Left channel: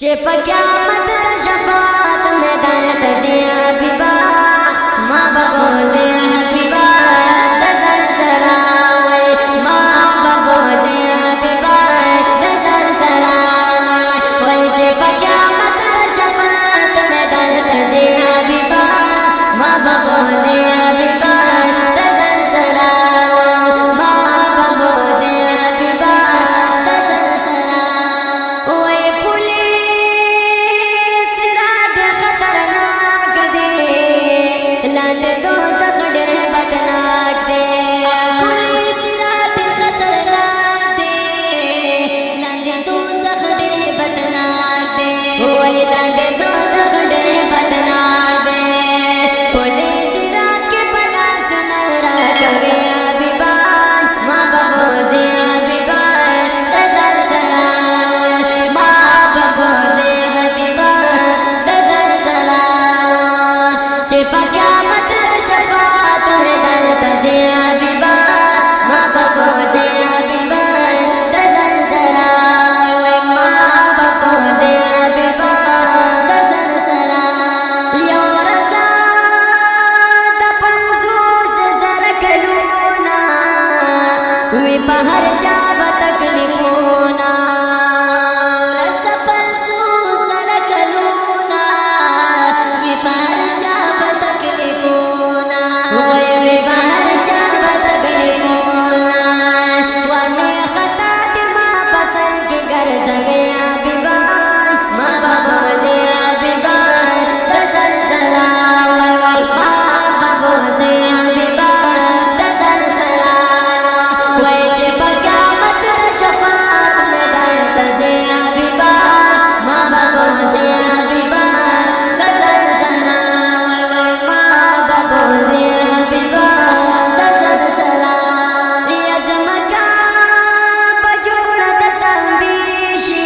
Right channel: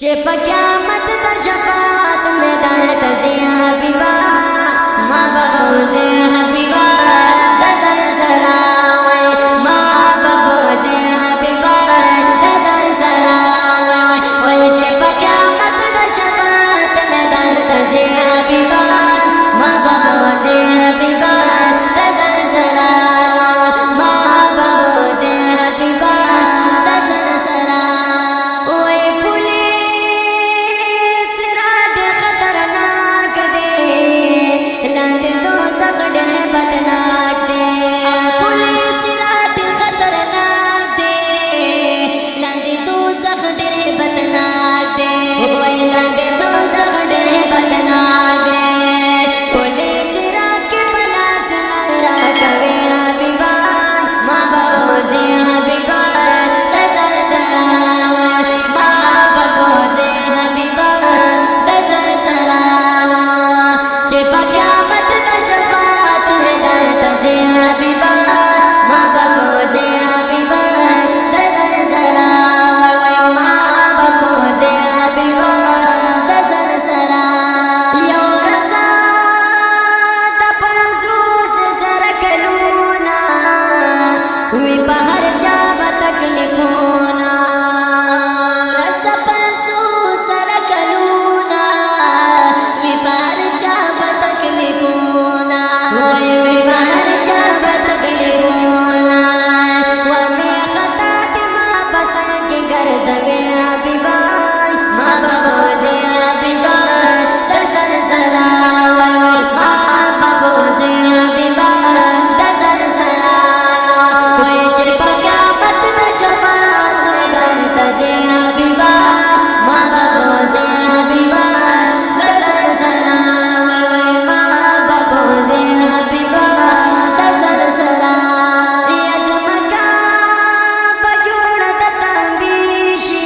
चे क़यामत ता शफात मैदान तज़े हबीबा माँ बाबो से हबीबा तज़र सरावै माँ बाबो से हबीबा तज़र सरावै वै चे क़यामत ता शफात मैदान तज़े हबीबा माँ बाबो से हबीबा तज़र सरावै माँ बाबो से हबीबा तज़र सरावै डर बदनाक दे पुलिस रात खतरनाक दे लांदे दो सख डर बदनाक दे वही लांदे दो सख डर बदनाक दे पुलिस रात के बला सुनरा कवे हबीबा माँ बाबो से हबीबा तज़र सरावै माँ बाबो से हबीबा तज़र सरावै चे क़यामत ता शफात मैदान तज़े हबीबा माँ बाबो से हबीबा तज़र सरावै माँ बाबो से हबीबा तज़र सरावै यो रज़ा तपज़ू से ज़रा कलूना वी पहर जाब तकलीफोना रास्ता पसू सरा कलूना वी पहर जाब तकलीफोना वी पहर जाब तकलीफोना वमे खता माँ पसंद के घर जवे हबीबा माँ बाबो से हबीबा तज़र सरावै माँ बाबो से हबीबा तज़र सरावै चे क़यामत ता शफात मैदान तज़े हबीबा माँ बाबो से हबीबा तज़र सरावै माँ बाबो से हबीबा तज़र सरावै यज़मका बजोड़त तंबीशी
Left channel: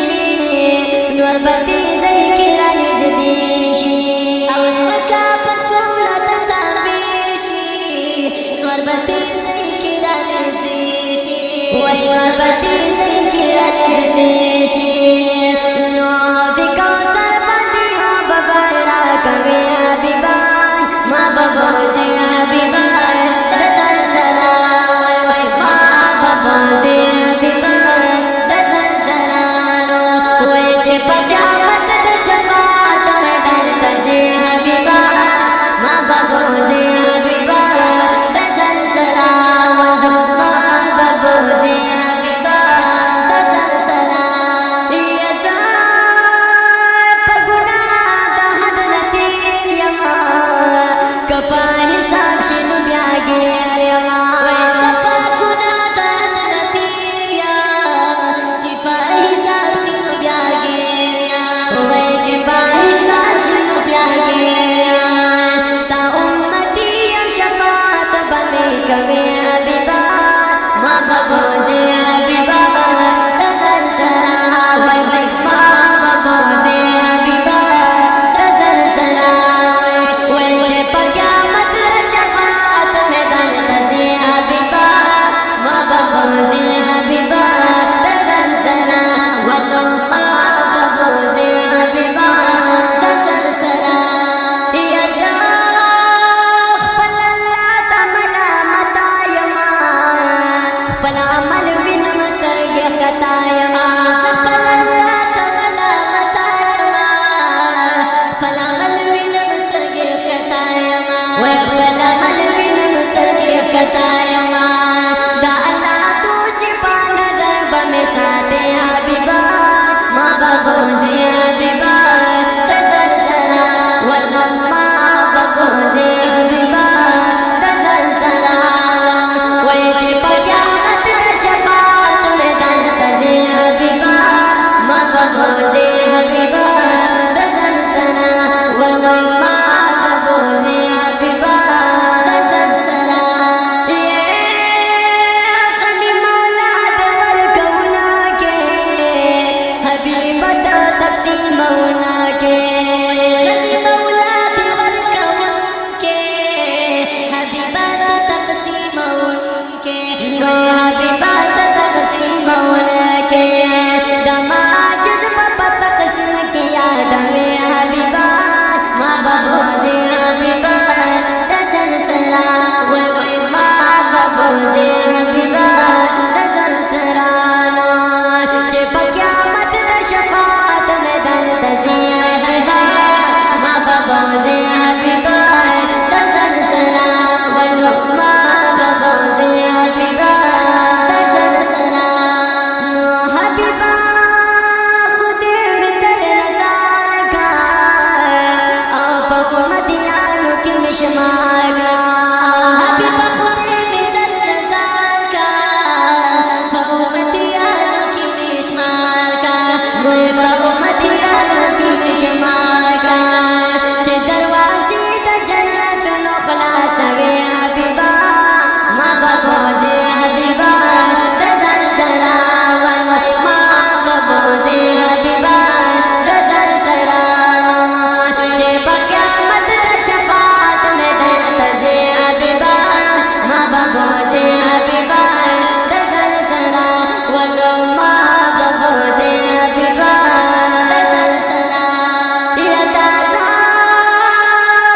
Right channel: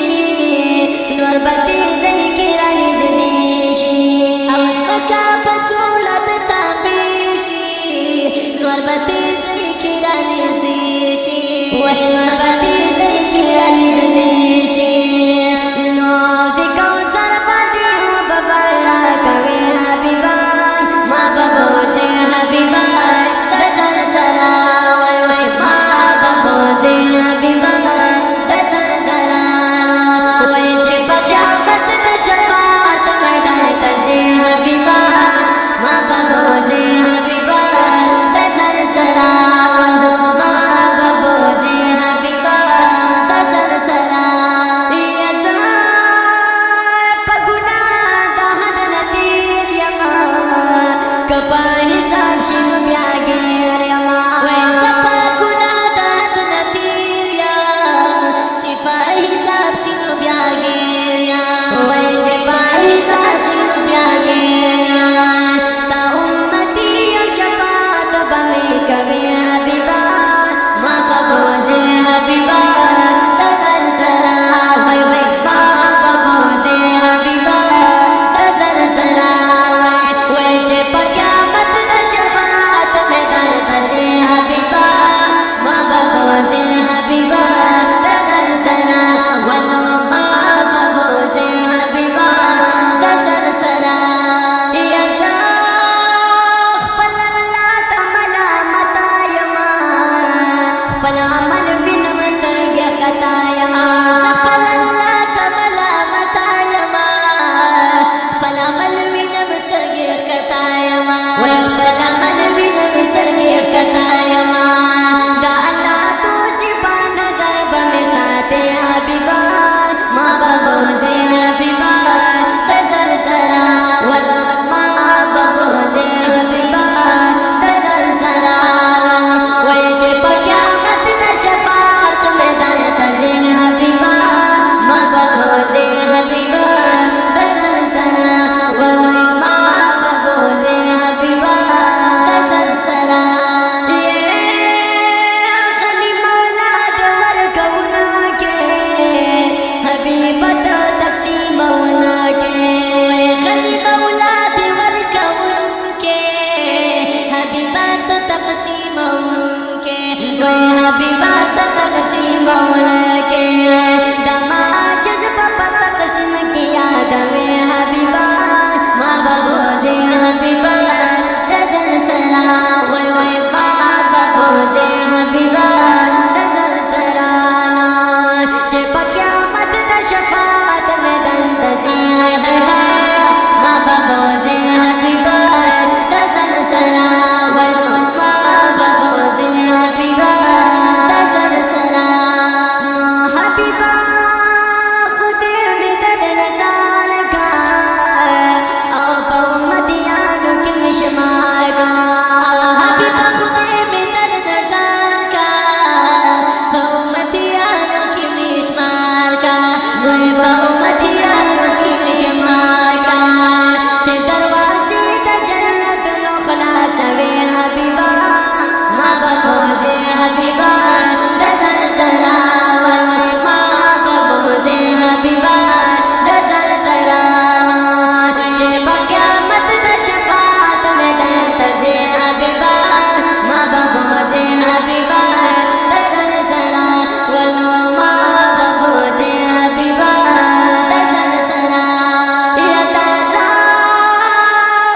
नूर बती ज़ई किरा निज़दीशी अवस्मका बजोड़त तंबीशी नूर बती ज़ई किरा निज़दीशी वही नूर बती ज़ई किरा निज़दीशी नूर कौसर बदी हो बबरा कवे हबीबा माँ बाबो से हबीबा तज़र सरावै माँ बाबो से हबीबा तज़र सरावै चे क़यामत ता शफात मैदान तज़े हबीबा माँ बाबो से हबीबा तज़र सरावै माँ बाबो से हबीबा तज़र सरावै पगुना दहद नतीर यमा कपा हिसाब शिनु ब्यागेर यमा वैसा पगुना दहद नतीर यम चिपा हिसाब शिनु ब्यागेर यम वै चिपा हिसाब शिनु ब्यागेर यम ता उम्मती यम शफात बमे कवे हबीबा माँ बाबो से हबीबा तज़र सरावै माँ बाबो से हबीबा तज़र सरावै वै चे क़यामत ता शफात मैदान तज़े हबीबा माँ बाबो से हबीबा तज़र सरावै माँ बाबो से हबीबा तज़र सरावै अमल बिन मतर गया कतायमा सफल अल्लाह तमला मतायमा पलमल बिन मस्तर गया कतायमा वे पलमल बिन मस्तर गया कतायमा दा अल्लाह तू सिपा नजर बमे साथे हबीबा माँ बाबो से हबीबा तज़र सरावै माँ बाबो से हबीबा तज़र सरावै चे क़यामत ता शफात मैदान तज़े हबीबा माँ बाबो से हबीबा तज़र सरावै माँ बाबो से हबीबा तज़र सरावै खली मौलाद वर कौना के हबीबत तक़सीम उना के खली मौलाद वर कौन के हबीबत तक़सीम उनके वह हबीबत तक़सीम उनके दमाज तقسیم کی یاد میں حبیبا ما ببوزی حبیبا دزل سرا وی وی ما ببوزی حبیبا دزل سرانا چه پا قیامت دا شفاعت میں دن تزی حبیبا ما ببوزی حبیبا دزل سرا وی وی ما ببوزی حبیبا دزل سرا نو حبیبا شمار کا حبیبا خودے میں در نظر کا پا امتیانوں کی میں شمار کا پا امتیانوں کی میں شمار کا چھ دروازی دا جنت نو خلاص وے حبیبا ما ببوزے حبیبا دزل سرا والوی ما ببوزے حبیبا دزل سرانو چھ پا قیامت دا شفا تزی حبیبا ما ببوزی حبیبا دزل سرا ولو ما ببوزی حبیبا دزل سرا یا دادا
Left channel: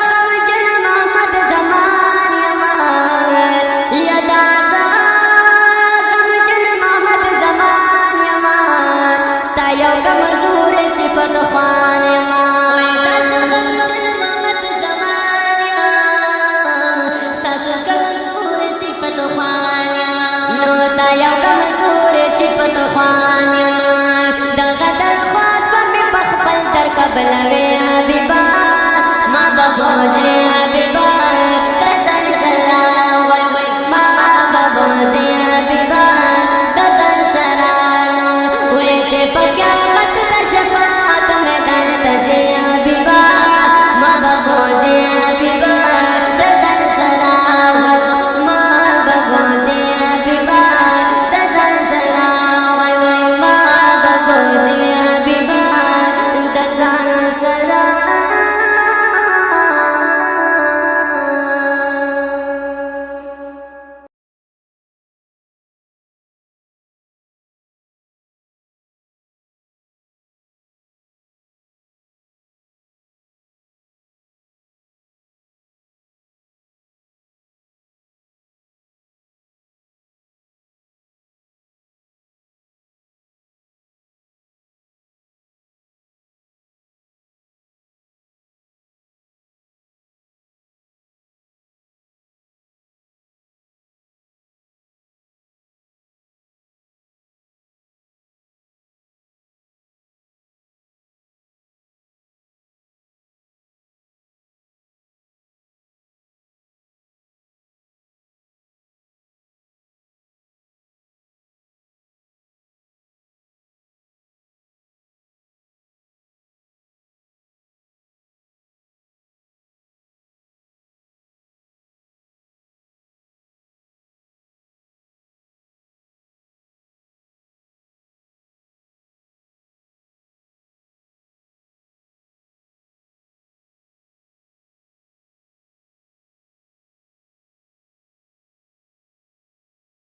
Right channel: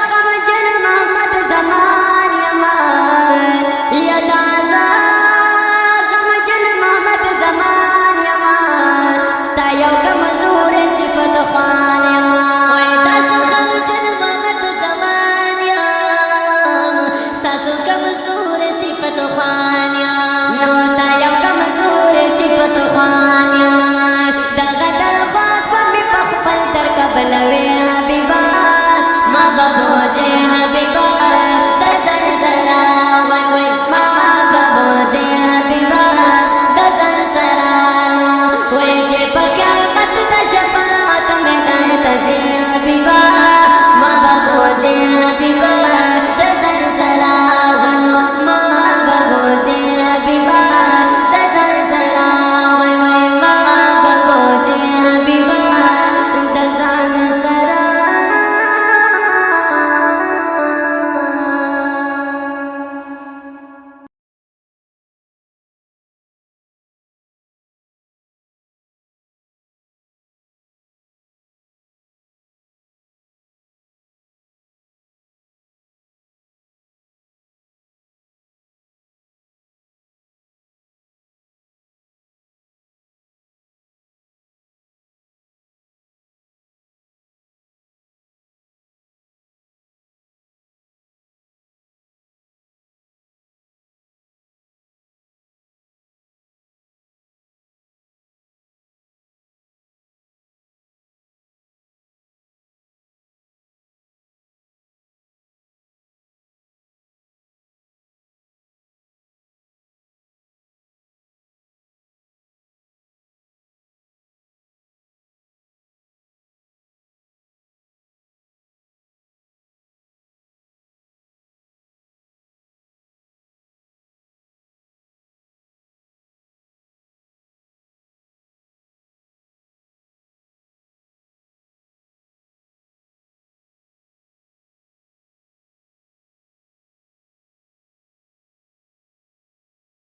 خمجن محمد زمان یمان یا دادا خمجن محمد زمان یمان ستا یو کمزور صفت خوان یمان دادا خمجن محمد زمان سو کمزور صفت خوانیا نو تا یو کمزور صفت خوانیا دغه درخواست په می پخپل در قبل وی حبیبا ما ببوزه حبیبا تزل سرا وای